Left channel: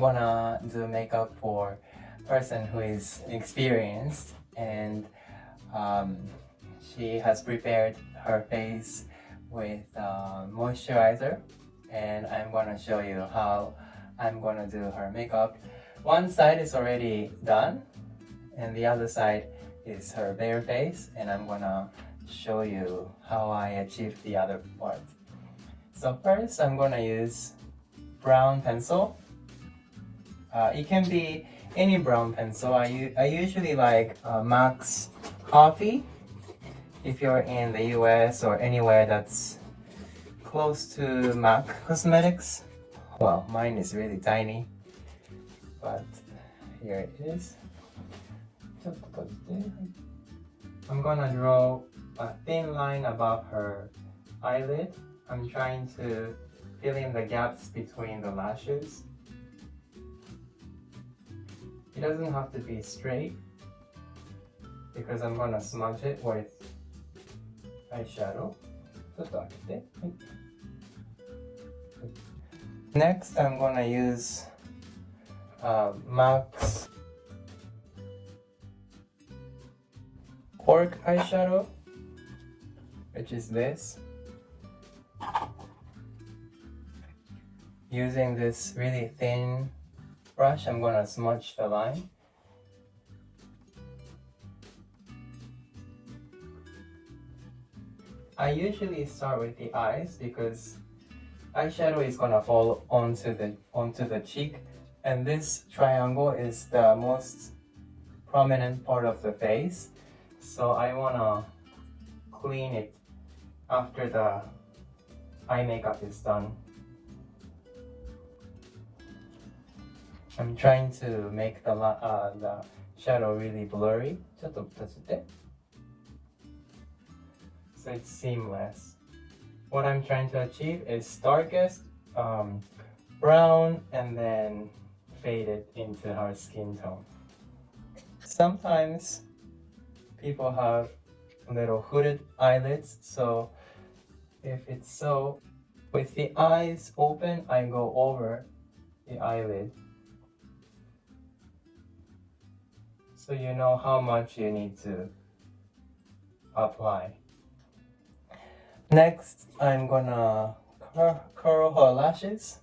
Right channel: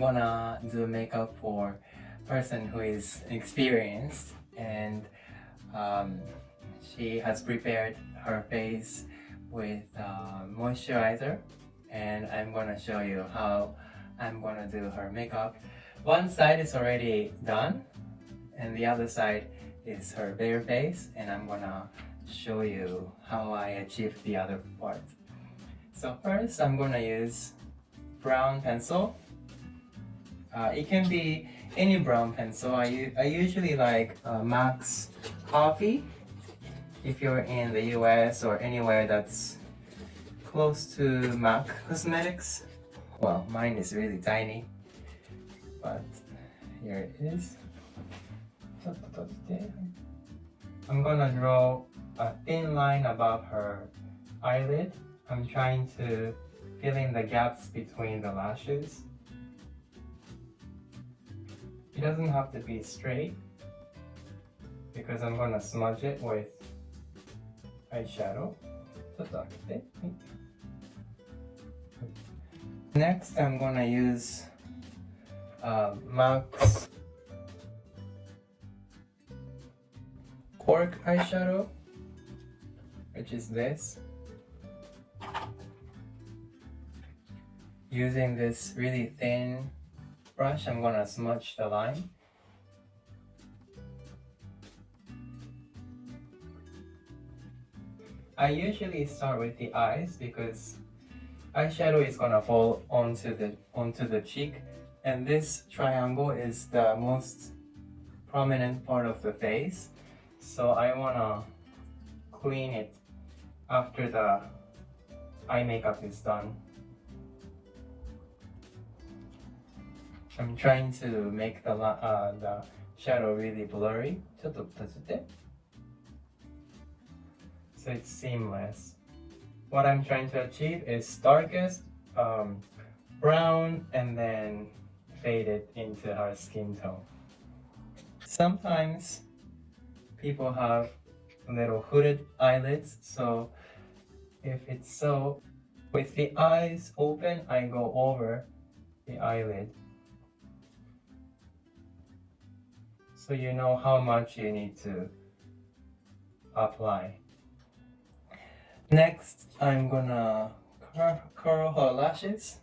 I'm gonna do makeup for person who is experienced, and she has prepared her face with moisturizer, and I'm gonna show you how I'm gonna do her makeup. One side is already done and the other side is her bare face, and I'm gonna show you how I achieved the other part. So first I'm gonna use brown pencil. It can be any brown pencil. I usually like Max Coffee if you're in the US or anywhere that's close to MAC Cosmetics. Well, mine is really tiny, but here it is. I'm gonna draw a thin line above her eyelid. I'm trying to fill in the gaps between the lashes. It doesn't have to be straight because I'm gonna smudge it with eyeshadow. Next, I'm gonna use MAC's Cork eyeshadow, which is this. Using this really thin brush, I'm gonna smudge the line. I usually start with the eyes because eyeshadow is gonna fall onto the cheek, and this triangle is the most prominent part of the face, so I wanna clean it after the eye makeup is done. I'm trying to make the shadow really blurry, so it's seamless. What I'm trying to achieve is darkest brown and then fade it into her skin tone. Sometimes people have little hooded eyelids, so if it's so, with the eyes open, I go over the eyelid, so you know how much you need to apply. Next, I'm gonna curl her lashes.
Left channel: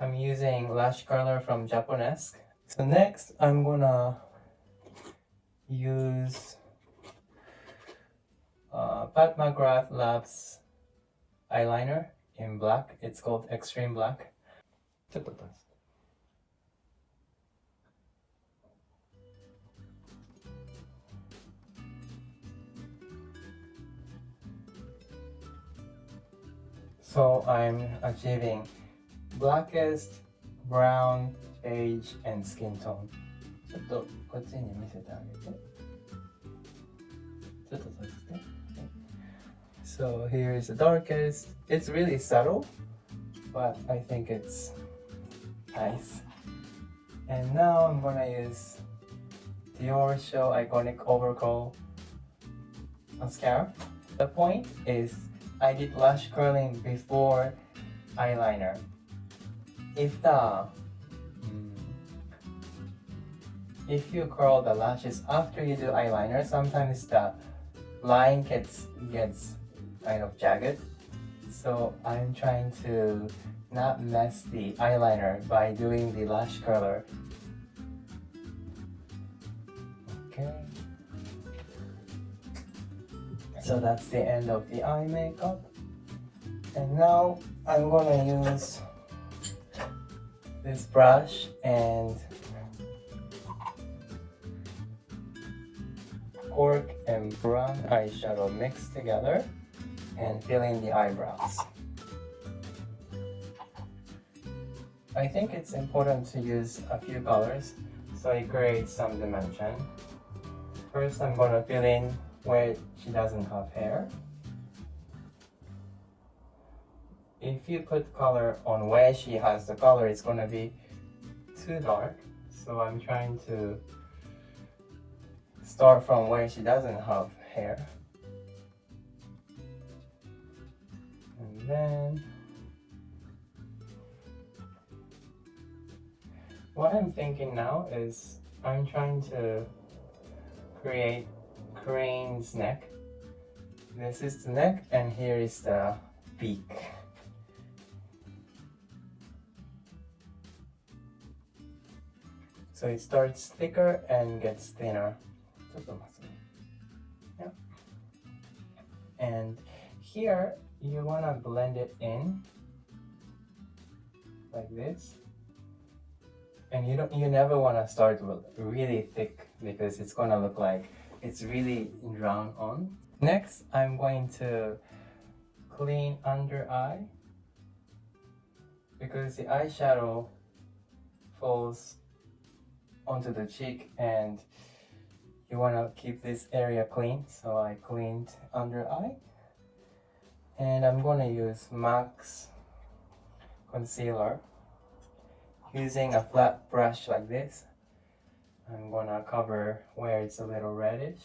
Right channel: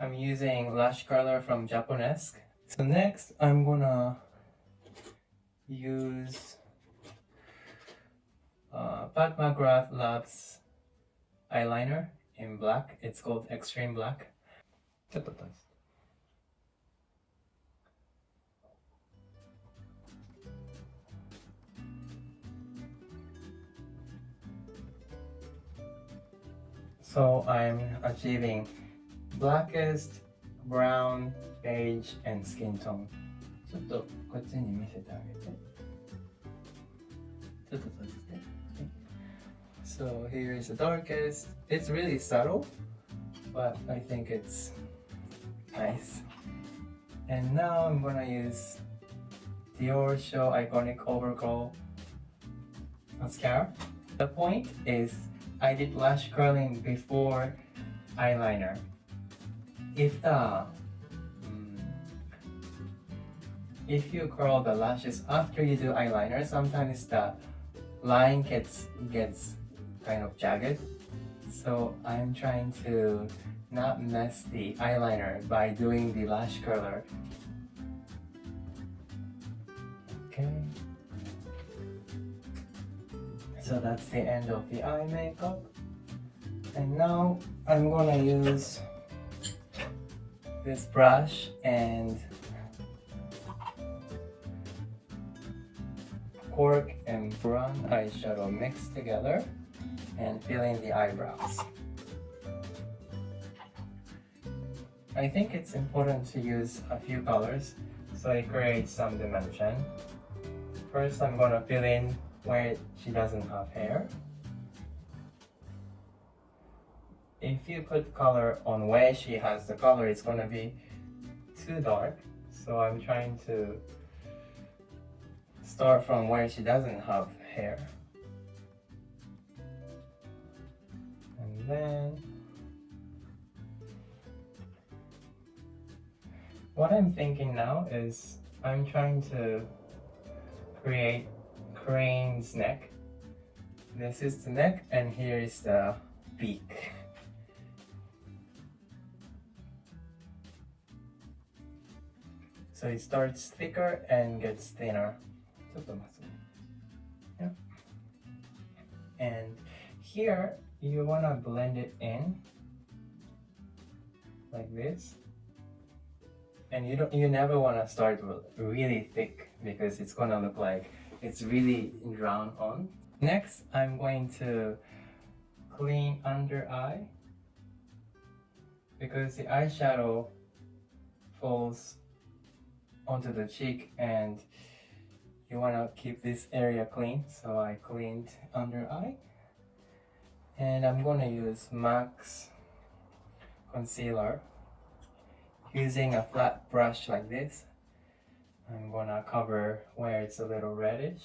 I'm using lash curler from Japonesque. So next, I'm gonna use Pat McGrath Labs eyeliner in black. It's called Extreme Black. So I'm achieving blackest, brown, beige, and skin tone. ちょっとこっちに見せてあげて。ちょっと閉じて。So here's the darkest. It's really subtle, but I think it's nice. And now I'm gonna use Dior Show Iconic Overcoat mascara. The point is I did lash curling before eyeliner. If you curl the lashes after you do eyeliner, sometimes the line gets kind of jagged. So I'm trying to not mess the eyeliner by doing the lash curler. Okay. So that's the end of the eye makeup. And now I'm gonna use this brush and cork and brown eyeshadow mixed together and fill in the eyebrows. I think it's important to use a few colors so it creates some dimension. First, I'm gonna fill in where she doesn't have hair. If you put color on where she has the color, it's gonna be too dark. So I'm trying to start from where she doesn't have hair. And then what I'm thinking now is I'm trying to create crane's neck. This is the neck and here is the beak. So it starts thicker and gets thinner. Yeah. And here you want to blend it in like this. And you never want to start really thick because it's gonna look like it's really drawn on. Next, I'm going to clean under eye because the eyeshadow falls onto the cheek and you want to keep this area clean. So I cleaned under eye and I'm going to use MAC's concealer. Using a flat brush like this, I'm going to cover where it's a little reddish.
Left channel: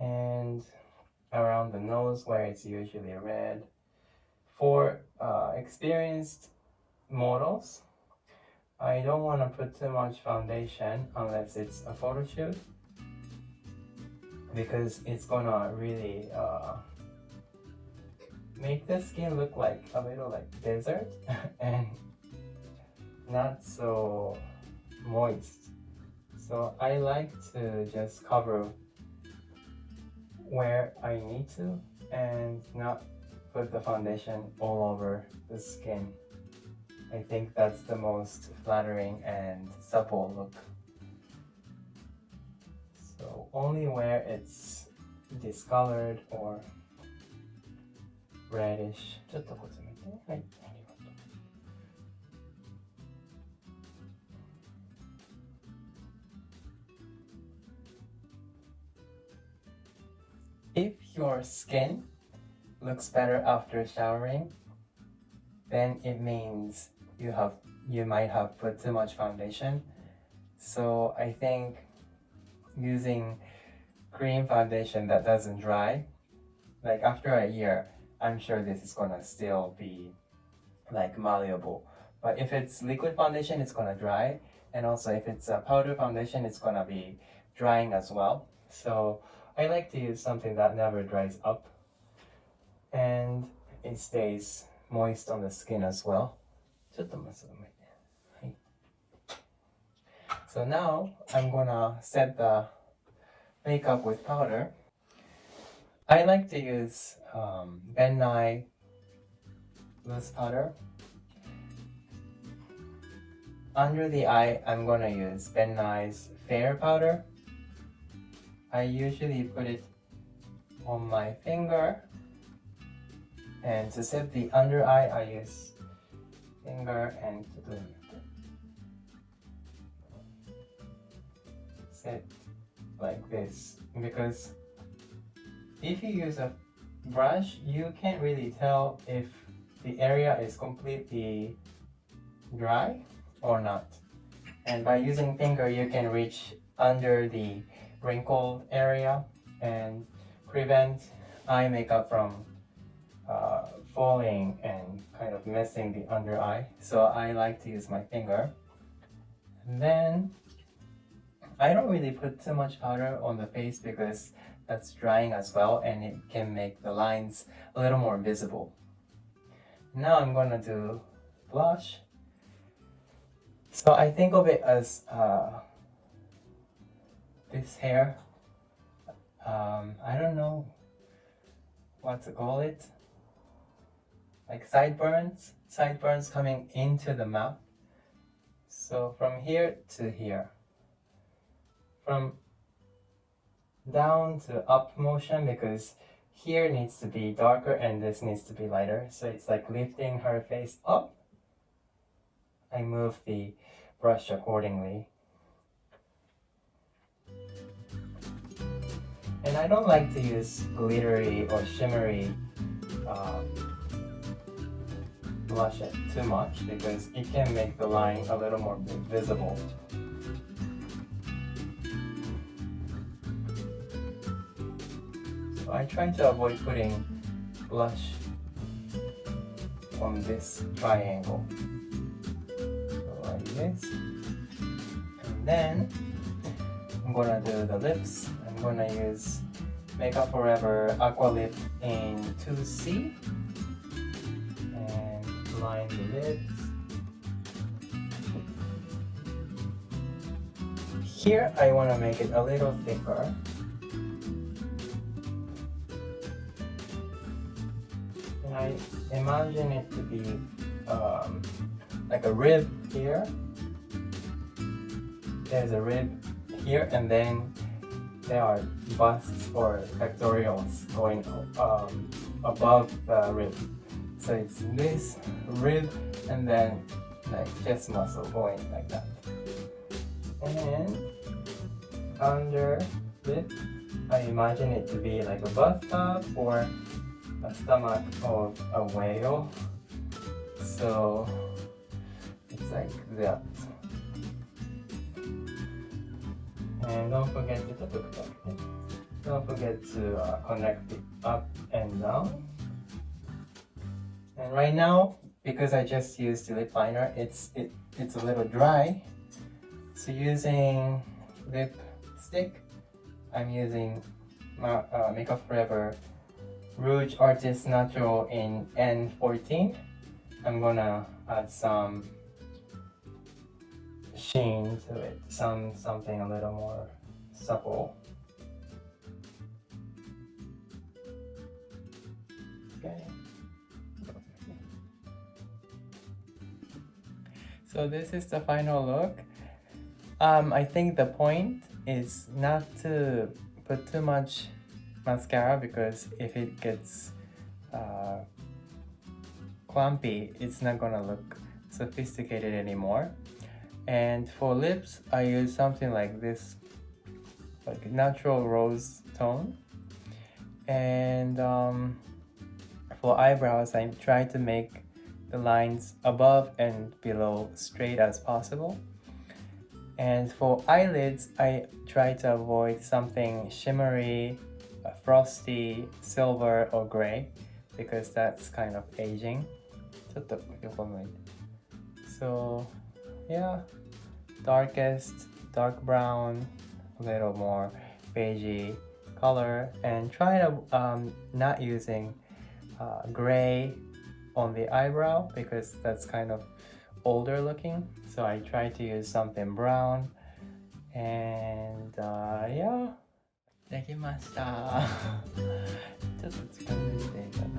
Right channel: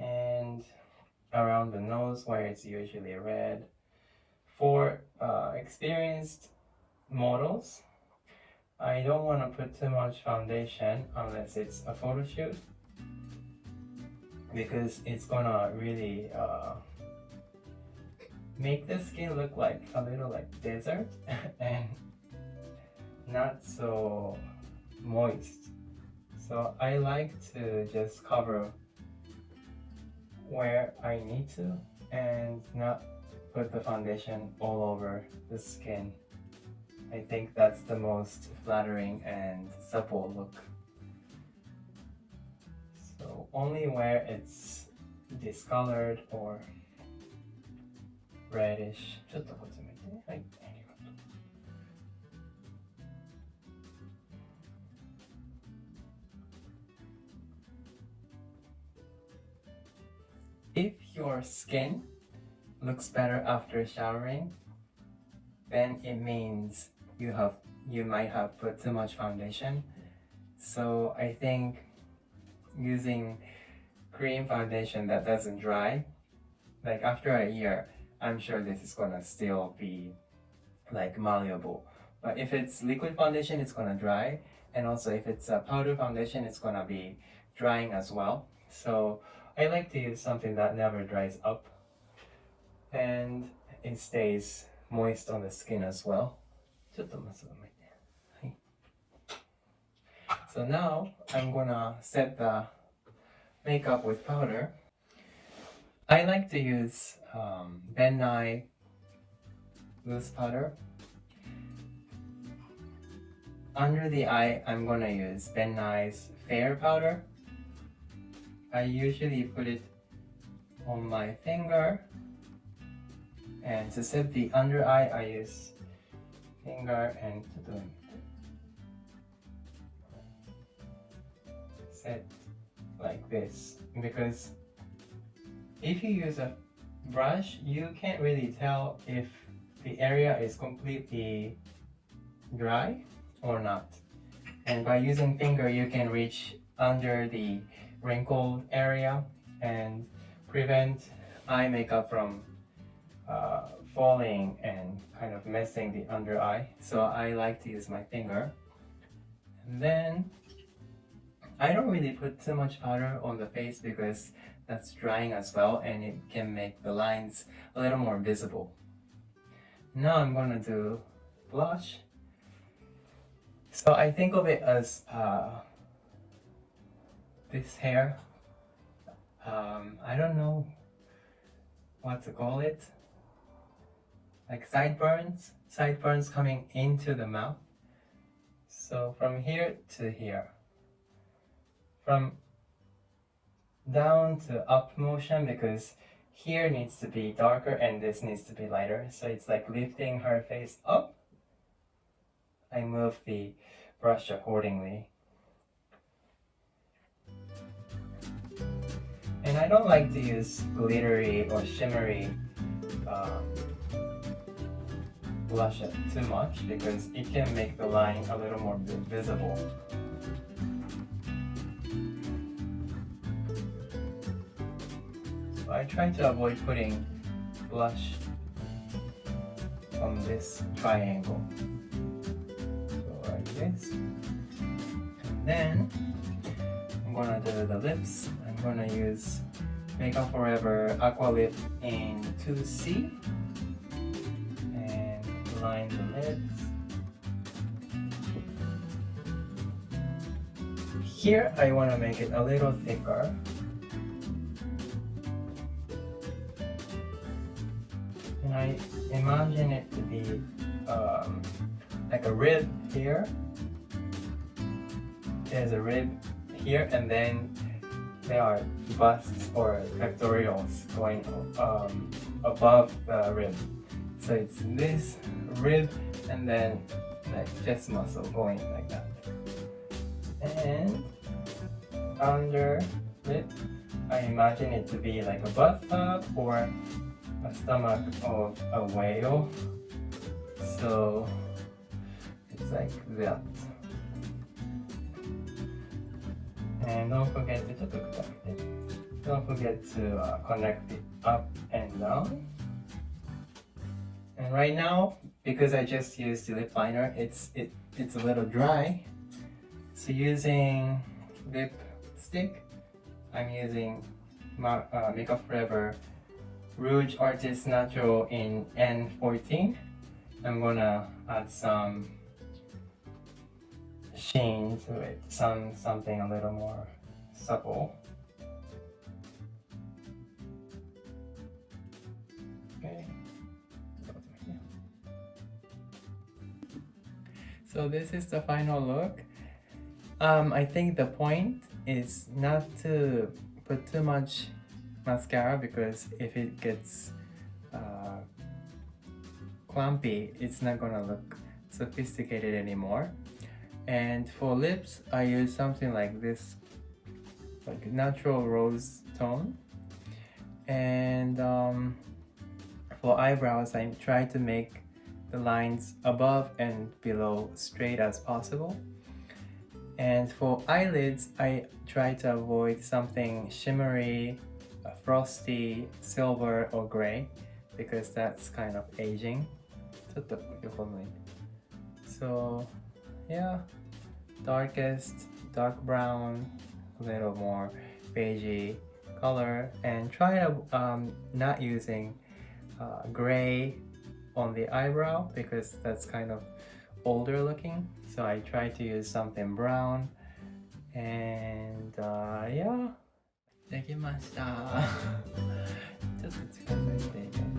And around the nose where it's usually red. For experienced models, I don't want to put too much foundation unless it's a photo shoot because it's gonna really make the skin look like a little like desert and not so moist. So I like to just cover where I need to and not put the foundation all over the skin. I think that's the most flattering and supple look. So only where it's discolored or reddish. ちょっとこっち向いて。はい、ありがとう。If your skin looks better after showering, then it means you might have put too much foundation. So I think using cream foundation that doesn't dry, like after a year, I'm sure this is gonna still be like malleable. But if it's liquid foundation, it's gonna dry. And also if it's a powder foundation, it's gonna be drying as well. So I like to use something that never dries up and it stays moist on the skin as well. So now I'm gonna set the makeup with powder. I like to use Ben Nye loose powder. Under the eye, I'm gonna use Ben Nye's Fair powder. I usually put it on my finger, and to set the under eye, I use finger and set like this, because if you use a brush, you can't really tell if the area is completely dry or not. And by using finger, you can reach under the wrinkled area and prevent eye makeup from falling and kind of messing the under eye. So I like to use my finger. And then I don't really put too much powder on the face because that's drying as well and it can make the lines a little more visible. Now I'm gonna do blush. So I think of it as this hair. I don't know what to call it. Like sideburns coming into the mouth. So from here to here. From down to up motion, because here needs to be darker and this needs to be lighter. So it's like lifting her face up. I move the brush accordingly. And I don't like to use glittery or shimmery blush too much because it can make the line a little more visible. So I try to avoid putting blush on this triangle. So like this. And then I'm gonna do the lips. I'm gonna use Makeup Forever Aqua Lip in 2C and line the lips. Here I want to make it a little thicker. And I imagine it to be like a rib here. There's a rib here, and then there are busts or pectorals going above the rib. So it's this rib and then like chest muscle going like that. And under lip, I imagine it to be like a bathtub or a stomach of a whale. So it's like that. And don't forget to connect it up and down. And right now, because I just used the lip liner, it's a little dry. So using lipstick, I'm using Makeup Forever Rouge Artist Natural in N14. I'm gonna add some sheen to it, something a little more supple. Okay. So this is the final look. I think the point is not to put too much mascara, because if it gets clumpy, it's not gonna look sophisticated anymore. And for lips, I use something like this, like natural rose tone. And for eyebrows, I try to make the lines above and below straight as possible. And for eyelids, I try to avoid something shimmery, frosty, silver or gray, because that's kind of aging. So yeah, dark brown, a little more beigey color, and try to not using gray on the eyebrow, because that's kind of older looking. So I try to use something brown. And yeah, できました。ちょっと近づいていただ